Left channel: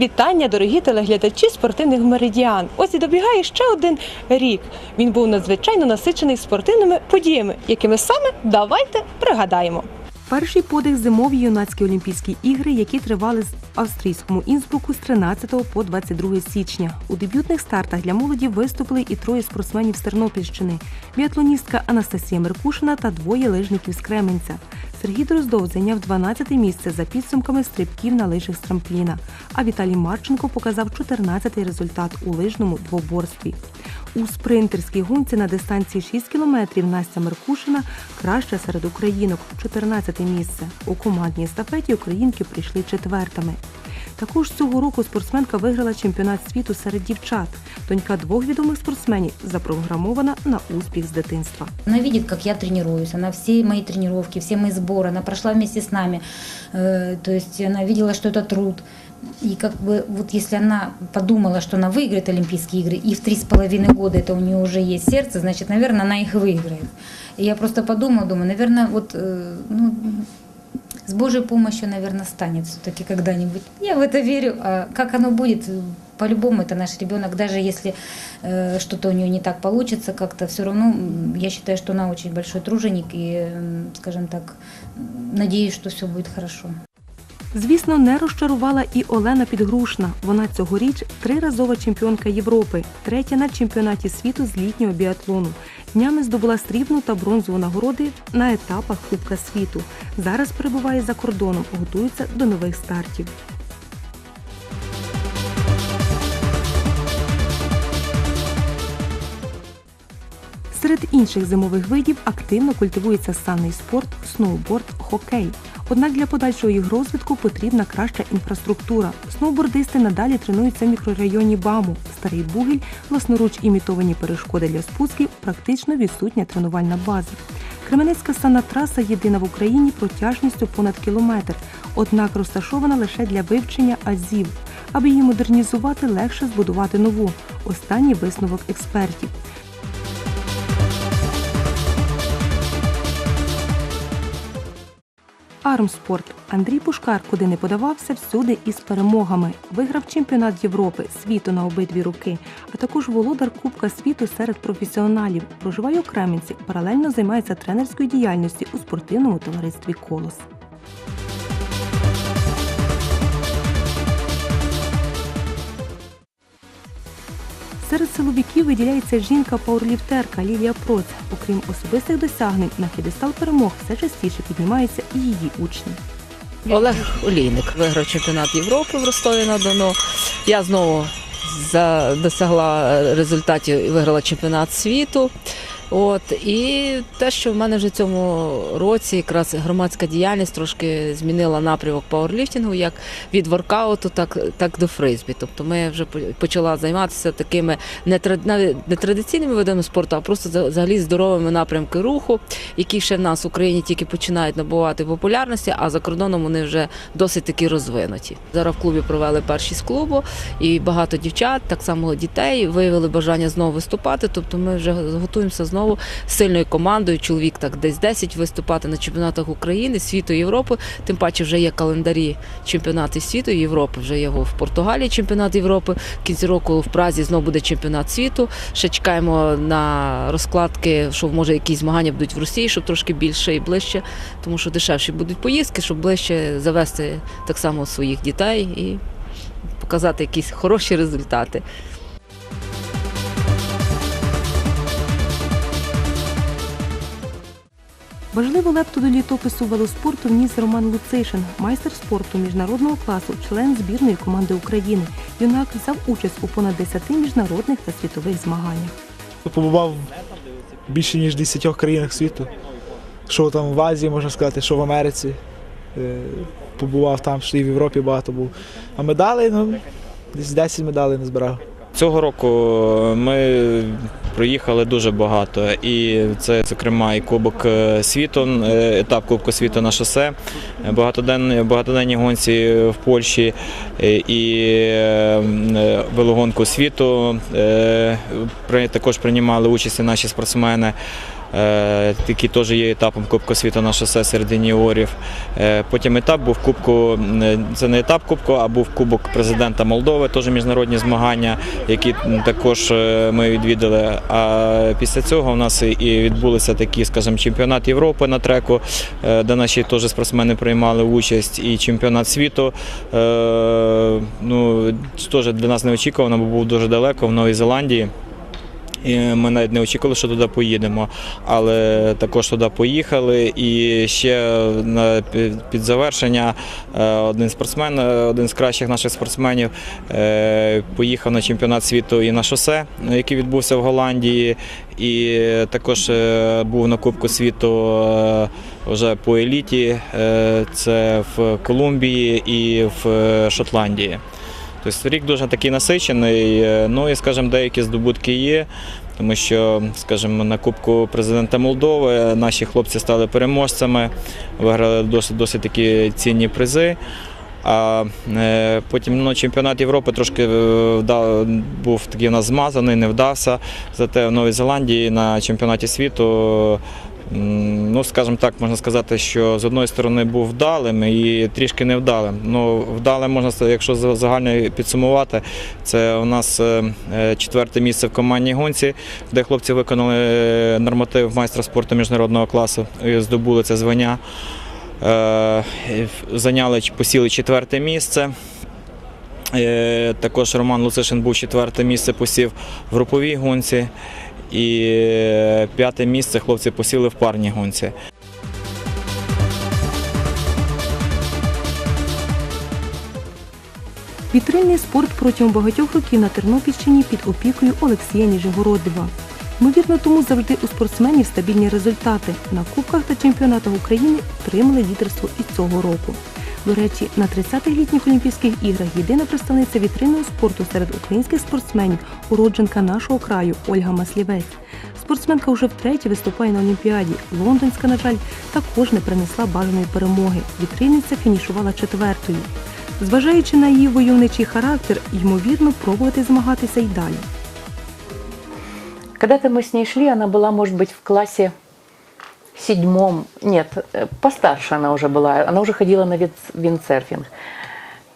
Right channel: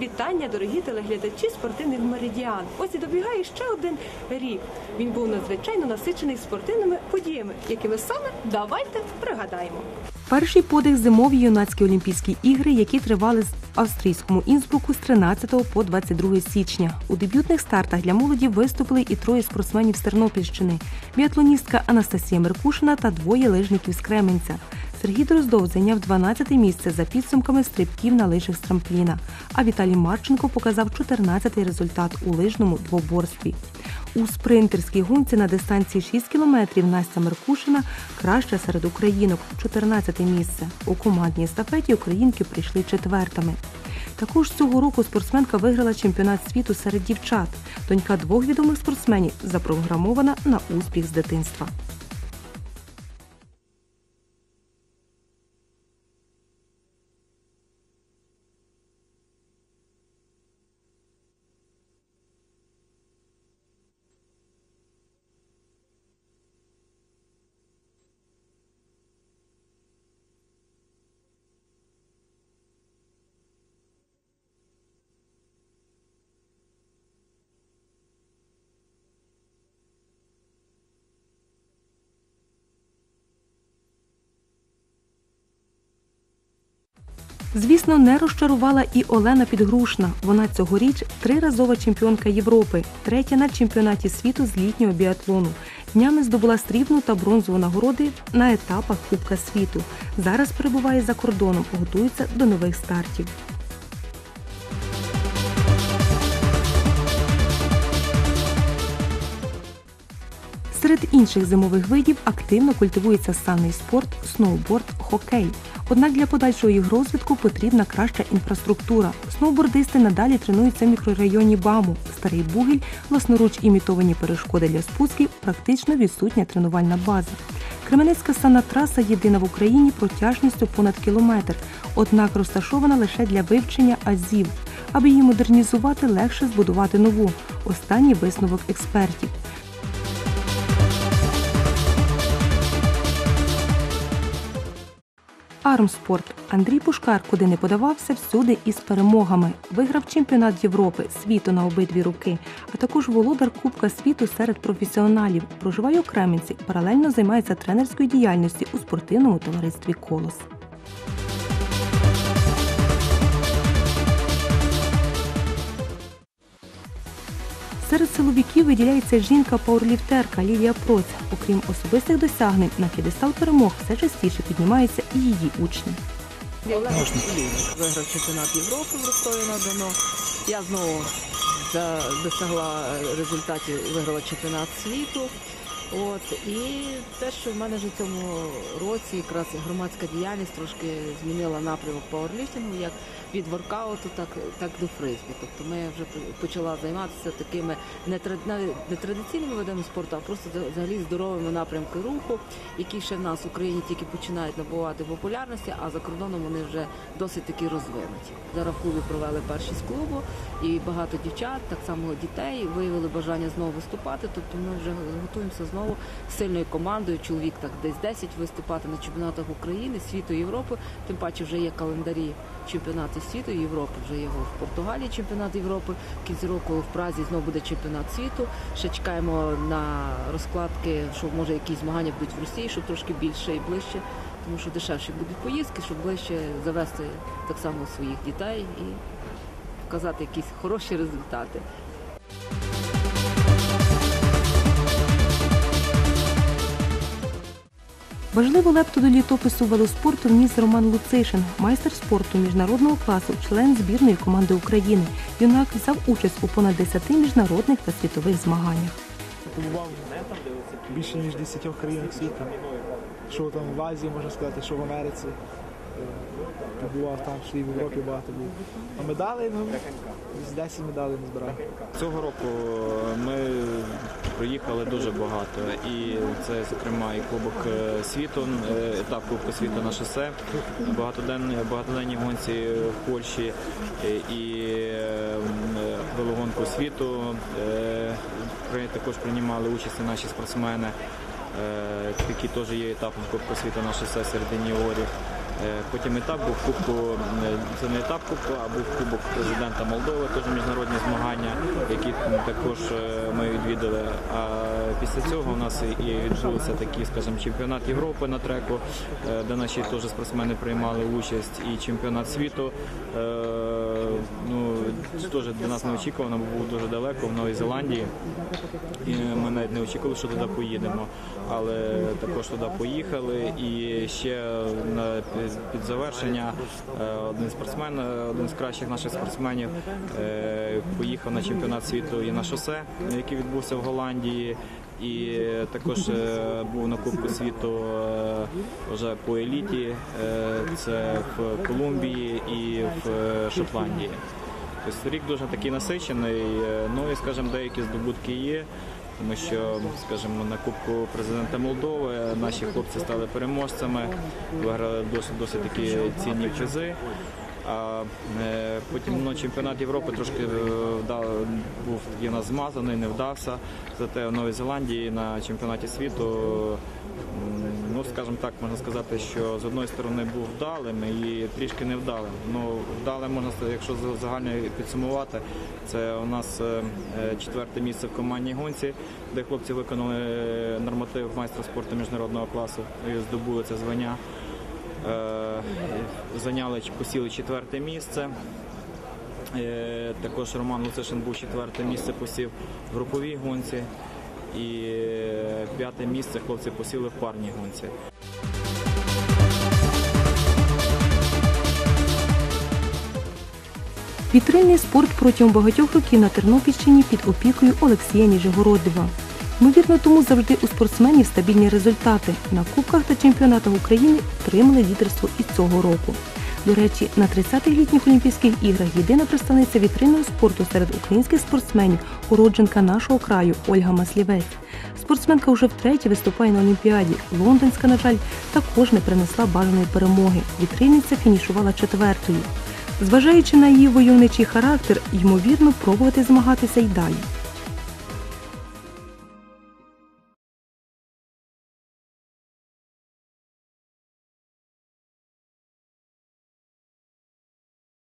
Вітання, дорогі телеглядачі спортивних меридіан. Ось і добігає ще один рік. Він був надзвичайно насичений спортивними подіями, якими саме давайте пригадаємо. Перший подих зимові юнацькі Олімпійські ігри, які тривали в австрійському Інсбруку з 13 по 22 січня. У дебютних стартах для молоді виступили і троє спортсменів з Тернопільщини: біатлоністка Анастасія Меркушина та двоє лижників з Кременця. Сергій Дроздов зайняв 12 місце за підсумками стрибків на лижах з трампліна. А Віталій Марченко показав 14-й результат у лижному двоборстві. У спринтерській гонці на дистанції 6 кілометрів Настя Меркушина краща серед українок 14 місце. У командній естафеті українки прийшли четвертими. Також цього року спортсменка виграла чемпіонат світу серед дівчат. Донька двох відомих спортсменів запрограмована на успіх з дитинства. Она видит, как я тренируюсь, она все мои тренировки, все мои сборы, она прошла вместе с нами. Э, То есть она видела, что это труд. И как бы вот если она подумала, что она выиграет Олимпийские игры, и в три с половиной года это у нее уже есть сердце, значит, наверное, она их выиграет. И я просто подумала, думаю, наверное, вот э, ну, с Божьей помощью, наверное, станет все-таки когда-нибудь. Я в это верю. А как оно будет, э, по-любому это наш ребенок, даже если э, что-то у нее не так получится, как-то все равно м, я считаю, что она очень большой труженик и, м, скажем так, м, надеюсь, что все будет хорошо. Звісно, не розчарувала і Олена Підгрушна. Вона цьогоріч триразова чемпіонка Європи, третя на чемпіонаті світу з літнього біатлону. Днями здобула срібну та бронзову нагороди на етапах Кубка світу. Зараз перебуває за кордоном, готується до нових стартів. Серед інших зимових видів активно культивується санний спорт, сноуборд, хокей. Однак для подальшого їх розвитку потрібна краща інфраструктура. Сноубордисти надалі тренуються в мікрорайоні БАМу. Старий Бугіль, власноруч імітовані перешкоди для спусків, практично відсутня тренувальна база. Кременецька санна траса єдина в Україні протяжністю понад кілометр, однак розташована лише для вивчення азів. Аби її модернізувати, легше збудувати нову. Останній висновок експертів. Армспорт. Андрій Пушкар, куди не подавався, всюди із перемогами. Виграв чемпіонат Європи, світу на обидві руки, а також володар Кубка світу серед професіоналів. Проживає у Кременці, паралельно займається тренерською діяльністю у спортивному товаристві Колос. Серед силовиків виділяється жінка-пауерліфтерка Лілія Проць. Окрім особистих досягнень, на п'єдестал перемог все частіше піднімаються і її учні. Олег Олійник виграв чемпіонат Європи в Ростові на Дону. Я знову досягла результатів і виграла чемпіонат світу. От і те, що в мене вже цьому році якраз громадська діяльність трошки змінила напрямок пауерліфтингу, як від воркауту, так, так до фризбі. Тобто ми вже почала займатися такими не тра- не традиційними видами спорту, а просто за- взагалі здоровими напрямки руху, які ще в нас в Україні тільки починають набувати популярності, а за кордоном вони вже досить таки розвинуті. Зараз в клубі провели перші з клубу, і багато дівчат, так само дітей, виявили бажання знову виступати. Тобто ми вже готуємося знову з сильною командою. Чоловік так десь 10 виступати на чемпіонатах України, світу, Європи. Тим паче вже є календарі чемпіонатів світу Європи. Вже є в Португалії чемпіонат Європи. В кінці року в Празі знову буде чемпіонат світу. Ще чекаємо на розкладки, що може якісь змагання будуть в Росії, щоб трошки більше і ближче, тому що дешевші будуть поїздки, щоб ближче завести так само своїх дітей і показати якісь хороші результати. Важливу лепту до літопису велоспорту вніс Роман Луцишин, майстер спорту міжнародного класу, член збірної команди України. Юнак взяв участь у понад 10 міжнародних та світових змаганнях. Побував в більше ніж 10 країнах світу. Що там в Азії, можна сказати, що в Америці. Е, Побував там, що і в Європі багато був. А медалей, ну, десь 10 медалей не збирав. Цього року ми проїхали дуже багато, і це, зокрема, і Кубок е, світу, е, етап Кубку світу на шосе, багатоденні, багатоденні гонці в Польщі е, і велогонку світу. Також приймали участь наші спортсмени. Е, який теж є етапом Кубку світу на шосе серед юніорів. Е, Потім етап був Кубку, е, це не етап Кубку, а був Кубок президента Молдови, теж міжнародні змагання, які також ми відвідали. А після цього у нас і відбулися такі, скажімо, чемпіонат Європи на треку, де наші теж спортсмени приймали участь, і чемпіонат світу. Ну, теж для нас неочікувано, бо був дуже далеко в Новій Зеландії. І ми навіть не очікували, що туди поїдемо, але також туди поїхали. І ще на під- завершення е, один спортсмен, е, один з кращих наших спортсменів, е, поїхав на чемпіонат світу і на шосе, який відбувся в Голландії. І також був на Кубку світу вже по еліті. Це в Колумбії і в Шотландії. Тобто рік дуже такий насичений. е, Ну і, скажімо, деякі здобутки є. Тому що, скажімо, на Кубку президента Молдови наші хлопці стали переможцями, виграли досить, досить такі цінні призи. А е, потім ну, чемпіонат Європи трошки е, вда- був такий у нас змазаний, не вдався. Зате в Новій Зеландії на чемпіонаті світу, ну скажімо так, можна сказати, що з одної сторони був вдалим і трішки невдалим. Ну, вдалим можна якщо загально підсумувати, це у нас е, е, четверте місце в командній гонці, де хлопці виконали е, норматив майстра спорту міжнародного класу і здобули це звання. Зайняли посіли четверте місце. Також Роман Луцишин був четверте місце, посів в груповій гонці. І е, п'яте місце хлопці посіли в парній гонці. Вітрильний спорт протягом багатьох років на Тернопільщині під опікою Олексія Ніжегородова. Ймовірно, тому завжди у спортсменів стабільні результати. На кубках та чемпіонатах України отримали лідерство і цього року. До речі, на 30-х літніх Олімпійських іграх єдина представниця вітринного спорту серед українських спортсменів, уродженка нашого краю Ольга Маслівець. Спортсменка вже втретє виступає на Олімпіаді. Лондонська, на жаль, також не принесла бажаної перемоги. Вітрильниця фінішувала четвертою. Зважаючи на її войовничий характер, ймовірно, пробувати змагатися й далі. Когда-то мы с ней шли, она была, может быть, в классе седьмом. Нет, э, постарше она уже была. Она уже ходила на виц- виндсерфинг.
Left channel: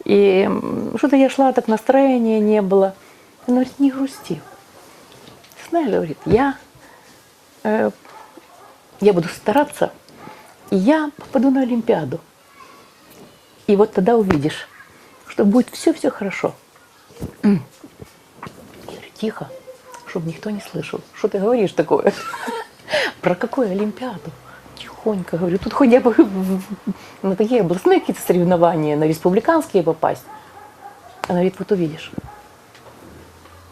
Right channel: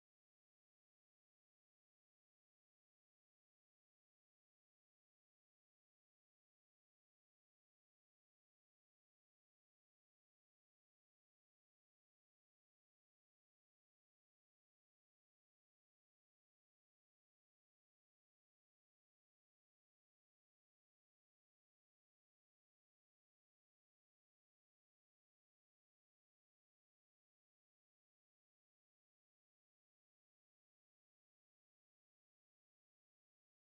И м, что-то я шла, так настроения не было. Она говорит, не грусти. Знаешь, говорит, я, э, я буду стараться, и я попаду на Олимпиаду. И вот тогда увидишь, что будет все-все хорошо. Я говорю, тихо, чтобы никто не слышал. Что ты говоришь такое? Про какую Олимпиаду? Тихонько говорю, тут хотя бы на такие областные какие-то соревнования, на республиканские попасть. Она говорит, вот увидишь.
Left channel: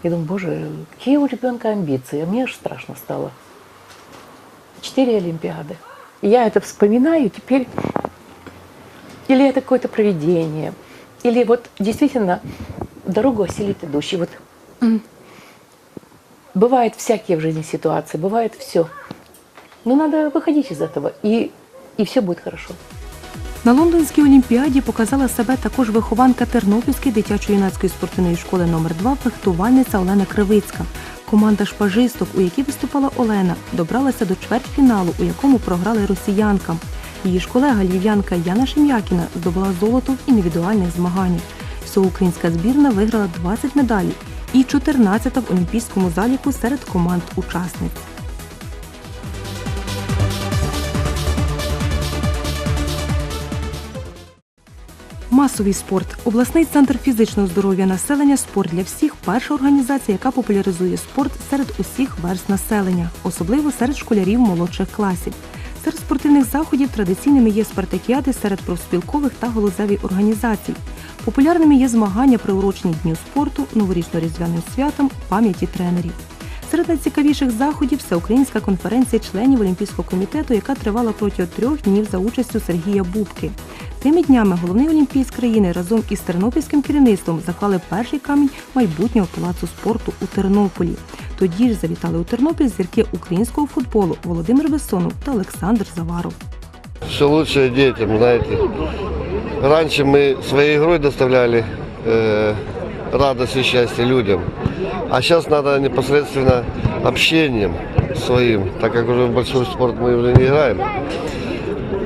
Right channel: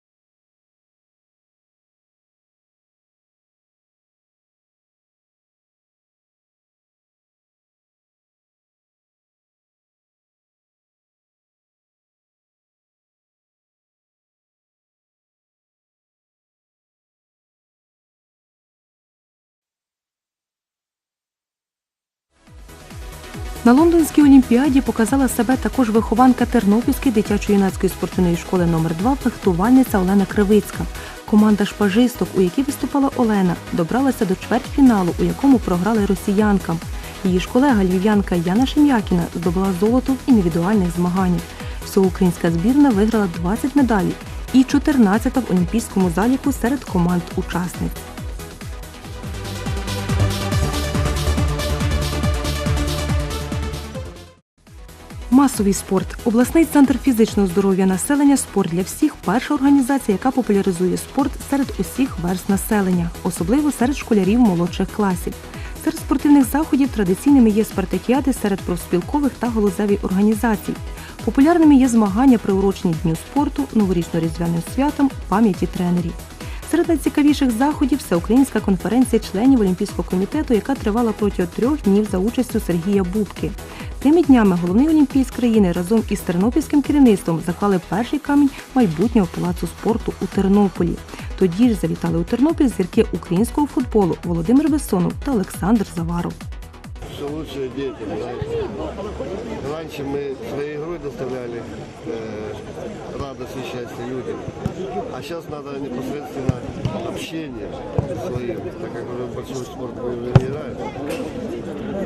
Я думаю, боже, какие у ребенка амбиции. А мне аж страшно стало. Четыре Олимпиады. И я это вспоминаю теперь. Или это какое-то проведение. Или вот действительно дорогу осилит идущий. Вот Бывают всякие в жизни ситуации, бывает все. Но надо выходить из этого, и, и все будет хорошо. На Лондонській олімпіаді показала себе також вихованка Тернопільської дитячо-юнацької спортивної школи номер 2 фехтувальниця Олена Кривицька. Команда шпажисток, у якій виступала Олена, добралася до чвертьфіналу, у якому програли росіянкам. Її ж колега львів'янка Яна Шем'якіна здобула золото в індивідуальних змаганнях. Всього українська збірна виграла 20 медалей і 14 в олімпійському заліку серед команд-учасниць. Масовий спорт. Обласний центр фізичного здоров'я населення Спорт для всіх перша організація, яка популяризує спорт серед усіх верст населення, особливо серед школярів молодших класів. Серед спортивних заходів традиційними є спартакіади серед профспілкових та галузеві організацій. Популярними є змагання приурочені Дню спорту, новорічно-різдвяним святам, пам'яті тренерів. Серед найцікавіших заходів всеукраїнська конференція членів Олімпійського комітету, яка тривала протягом трьох днів за участю Сергія Бубки. Тими днями головний олімпійськ країни разом із тернопільським керівництвом заклали перший камінь майбутнього палацу спорту у Тернополі. Тоді ж завітали у Тернопіль зірки українського футболу Володимир Бессонов та Олександр Заваров. все лучшее детям, знаете. Раньше мы своей игрой доставляли э, радость и счастье людям, а сейчас надо непосредственно общением, своим, так как уже большой спорт мы уже не играем.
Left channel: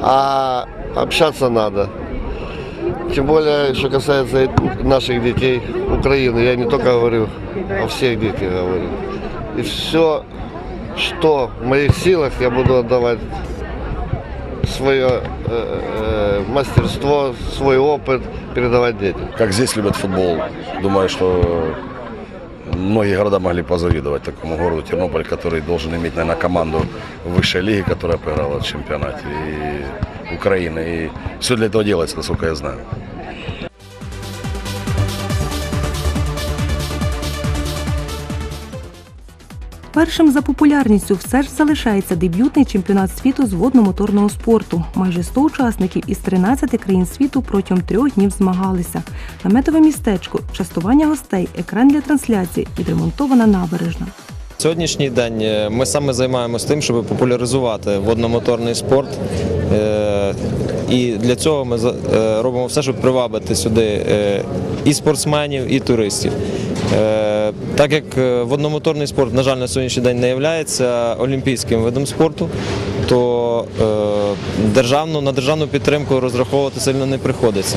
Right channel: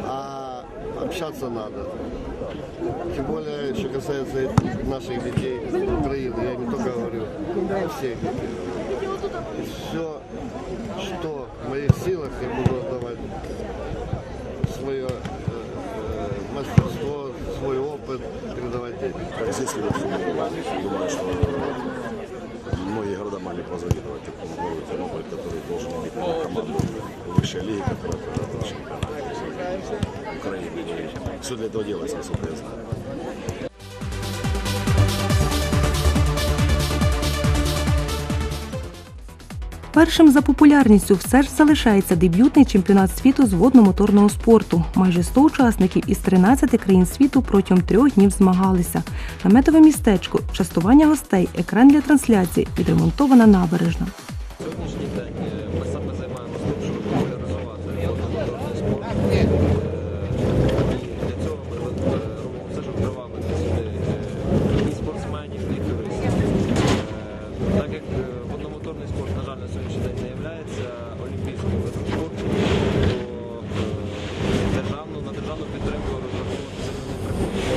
А общаться надо. Тем более, что касается наших детей Украины, я не только говорю о всех детях говорю. И все, что в моих силах, я буду отдавать свое э, э, мастерство, свой опыт передавать детям. Как здесь любят футбол. Думаю, что многие города могли позавидовать такому городу Тернополь, который должен иметь, наверное, команду высшей лиги, которая поиграла в чемпионате и Украины. И все для этого делается, насколько я знаю. Першим за популярністю все ж залишається дебютний чемпіонат світу з водно-моторного спорту. Майже 100 учасників із 13 країн світу протягом трьох днів змагалися. Наметове містечко, частування гостей, екран для трансляції, відремонтована набережна. Сьогоднішній день е, ми саме займаємося тим, щоб популяризувати водномоторний спорт. Е, І для цього ми е, робимо все, щоб привабити сюди і спортсменів, і туристів. Так як е, водномоторний спорт, на жаль, на сьогоднішній день не є олімпійським видом спорту, то е, на державну підтримку розраховувати сильно не приходиться.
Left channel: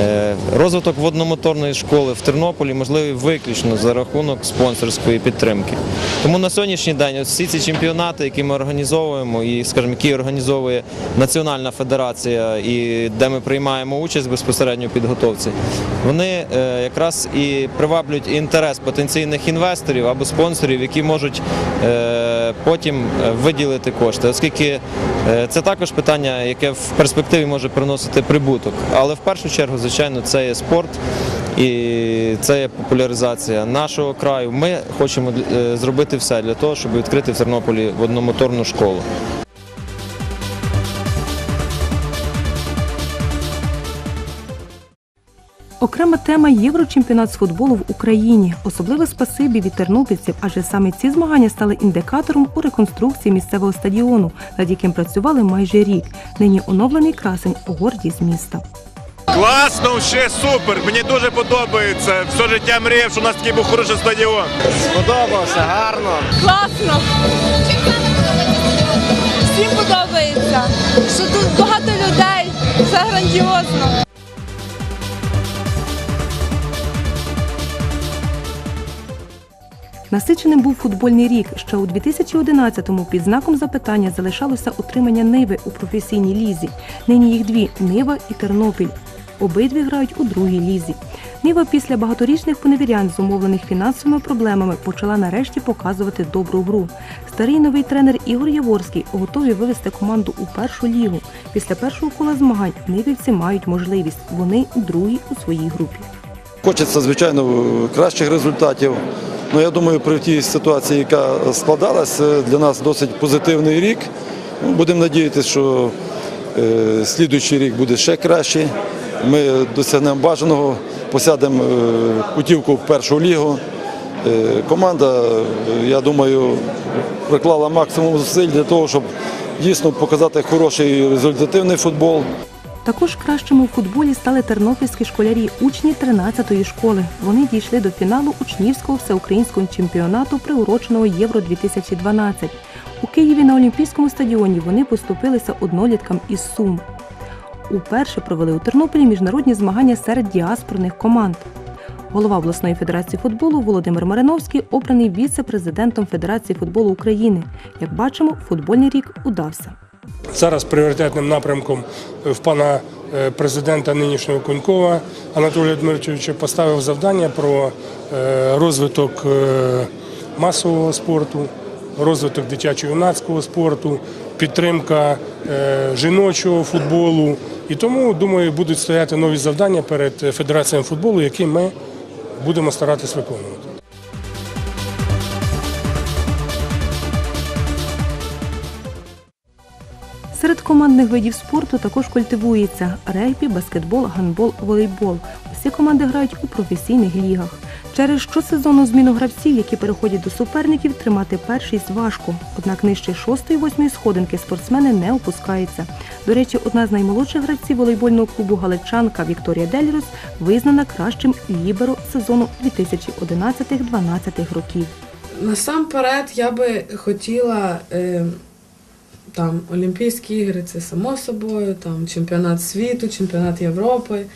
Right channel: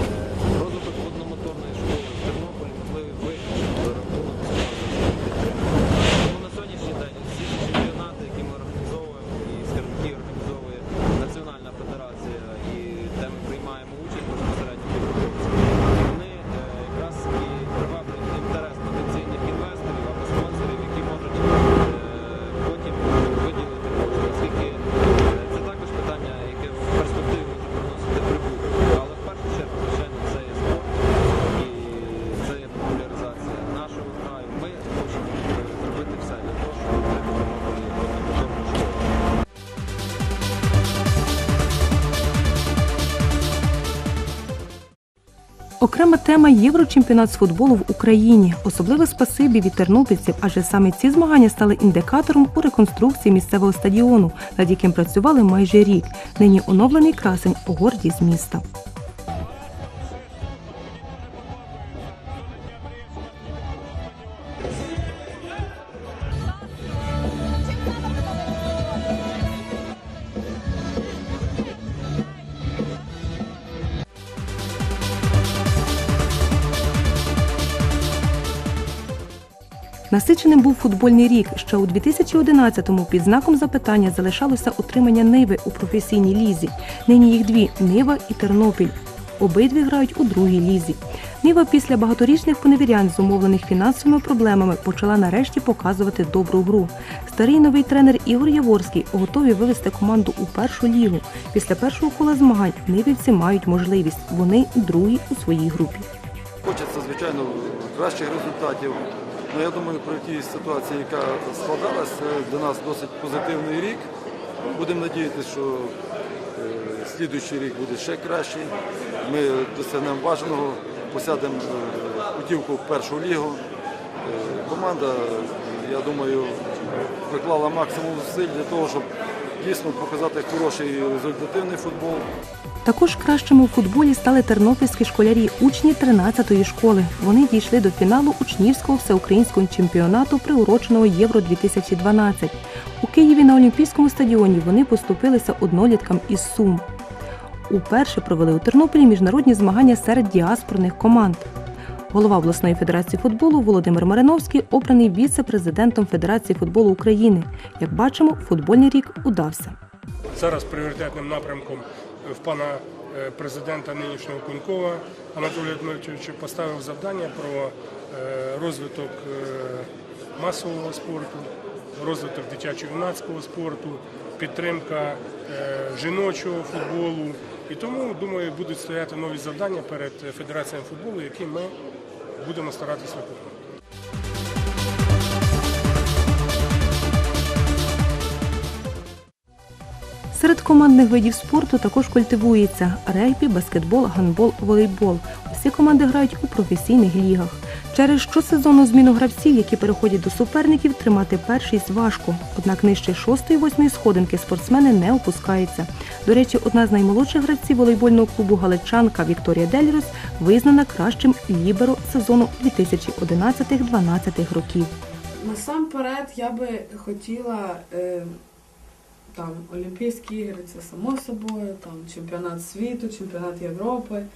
Е, Розвиток водномоторної школи в Тернополі можливий виключно за рахунок спонсорської підтримки. Тому на сьогоднішній день ось всі ці чемпіонати, які ми організовуємо, і скажімо, які організовує Національна федерація, і де ми приймаємо участь безпосередньо в підготовці, вони е, якраз і приваблюють інтерес потенційних інвесторів або спонсорів, які можуть. Потім е, виділити кошти, оскільки е, це також питання, яке в перспективі може приносити прибуток. Але в першу чергу, звичайно, це є спорт і це є популяризація нашого краю. Ми хочемо е, зробити все для того, щоб відкрити в Тернополі одномоторну школу. Окрема тема Єврочемпіонат з футболу в Україні. Особливе спасибі від тернопільців, адже саме ці змагання стали індикатором у реконструкції місцевого стадіону, над яким працювали майже рік. Нині оновлений красень у гордість міста. Класно, ще супер. Мені дуже подобається. Все життя мріяв, що у нас такий був хороший стадіон. Сподобався, гарно. Класно. Всім подобається, що тут багато людей, все грандіозно. Насиченим був футбольний рік. Ще у 2011-му під знаком запитання залишалося утримання Ниви у професійній лізі. Нині їх дві Нива і Тернопіль. Обидві грають у другій лізі. Нива після багаторічних поневірянь, зумовлених фінансовими проблемами, почала нарешті показувати добру гру. Старий новий тренер Ігор Яворський готові вивести команду у першу лігу. Після першого кола змагань нивівці мають можливість. Вони другі у своїй групі. Хочеться, звичайно, кращих результатів. Ну, я думаю, при тій ситуації, яка складалась, е, для нас досить позитивний рік. Ну, Будемо надіятися, що е, слідуючий рік буде ще кращий. Ми досягнемо бажаного, посядемо е, путівку в першу лігу. Е, команда, е, я думаю, приклала максимум зусиль для того, щоб дійсно показати хороший результативний футбол. Також кращими у футболі стали тернопільські школярі, учні 13-ї школи. Вони дійшли до фіналу учнівського всеукраїнського чемпіонату, приуроченого Євро 2012. У Києві на Олімпійському стадіоні вони поступилися одноліткам із Сум. Уперше провели у Тернополі міжнародні змагання серед діаспорних команд. Голова обласної федерації футболу Володимир Мариновський обраний віце-президентом Федерації футболу України. Як бачимо, футбольний рік удався. Зараз пріоритетним напрямком в пана е, президента нинішнього Кунькова Анатолія Дмитровича поставив завдання про е, розвиток е, масового спорту, розвиток дитячо-юнацького спорту, підтримка е, жіночого футболу. І тому, думаю, будуть стояти нові завдання перед Федерацією футболу, які ми будемо старатись виконувати. Серед командних видів спорту також культивується регбі, баскетбол, гандбол, волейбол. Усі команди грають у професійних лігах. Через щосезонну зміну гравців, які переходять до суперників, тримати першість важко. Однак нижче шостої-восьмої сходинки спортсмени не опускаються. До речі, одна з наймолодших гравців волейбольного клубу Галичанка Вікторія Дельрос визнана кращим ліберо сезону 2011-2012 років. насамперед я би хотіла е, там Олімпійські ігри, це само собою, там чемпіонат світу, чемпіонат Європи.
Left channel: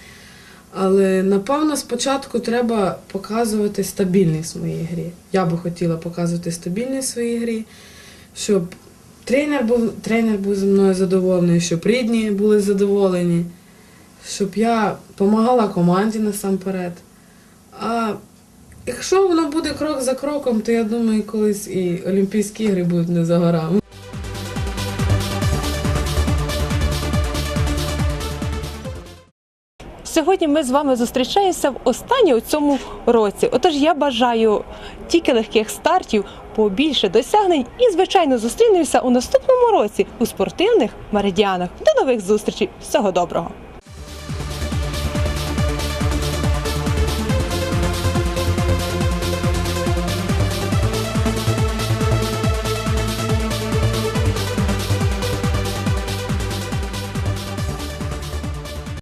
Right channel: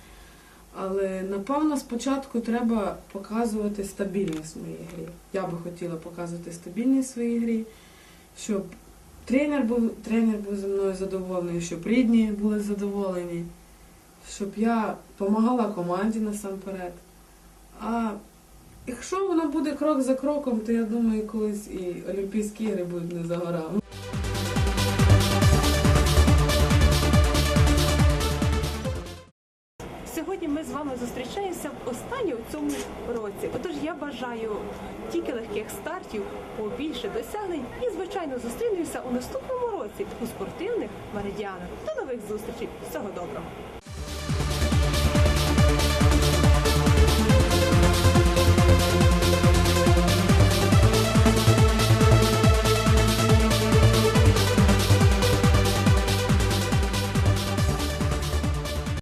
Але напевно спочатку треба показувати стабільність в моїй грі. Я би хотіла показувати стабільність в своїй грі, щоб тренер був, тренер був зі мною задоволений, щоб рідні були задоволені, щоб я допомагала команді насамперед. А якщо воно буде крок за кроком, то я думаю, колись і Олімпійські ігри будуть не за горами. Сьогодні ми з вами зустрічаємося в останній у цьому році. Отож, я бажаю тільки легких стартів, побільше досягнень і, звичайно, зустрінемося у наступному році у спортивних меридіанах. До нових зустрічей! Всього доброго!